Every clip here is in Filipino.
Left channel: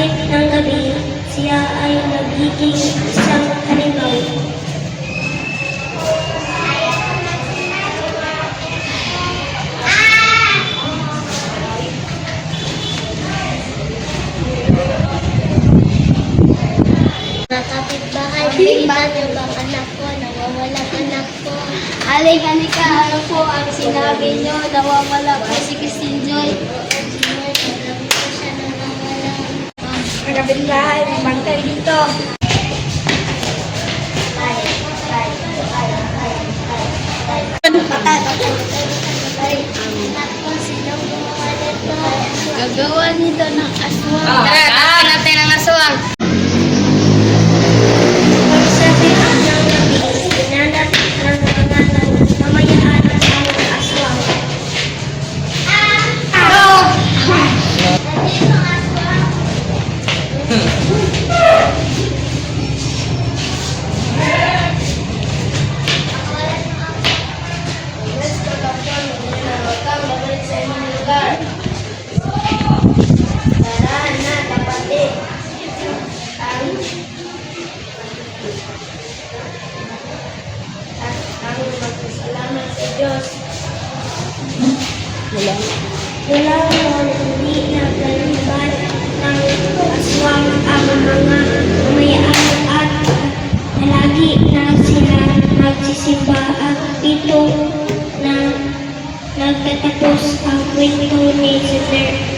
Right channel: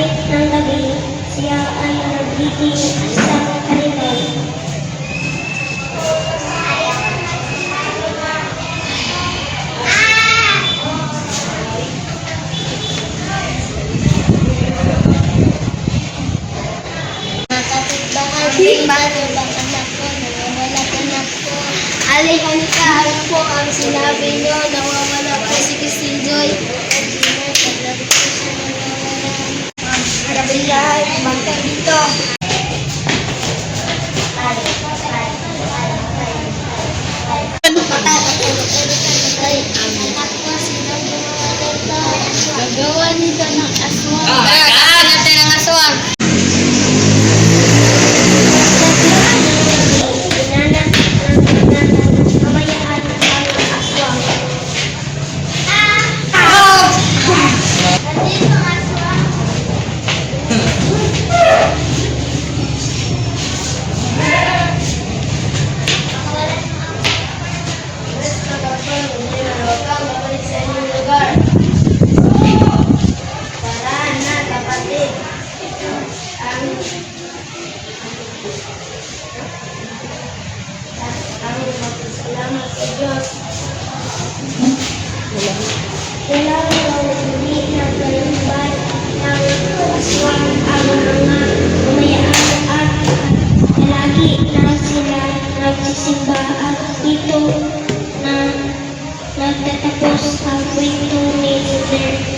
Pagkalapit ng gabi, siya ay nagiging isang halimaw. Kapitbahay, ibang anak ko, nawawala anak ko. Alay, halika, ano po ang sinabi nyo? Nawawala po si Christine Joy. Kapitbahay, bantay dito. Gagawa nito ng aswang. Gagawa natin ng aswang. Salamat sa Diyos. Wala mo hindi naglalibay ng aswang ang mga umayaan at palagi na sila nagsisimba at dito na nagtatapos ang kwento ni Serena.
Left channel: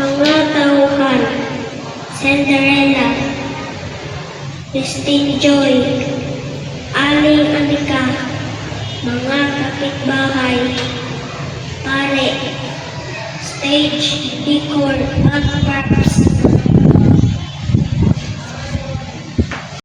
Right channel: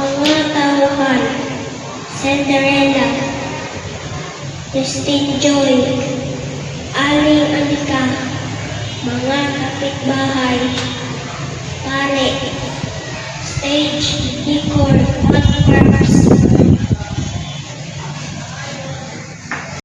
Mga tauhan, Cinderella, Christine Joy, Aling Anika, mga kapitbahay, pare, stage decor at props,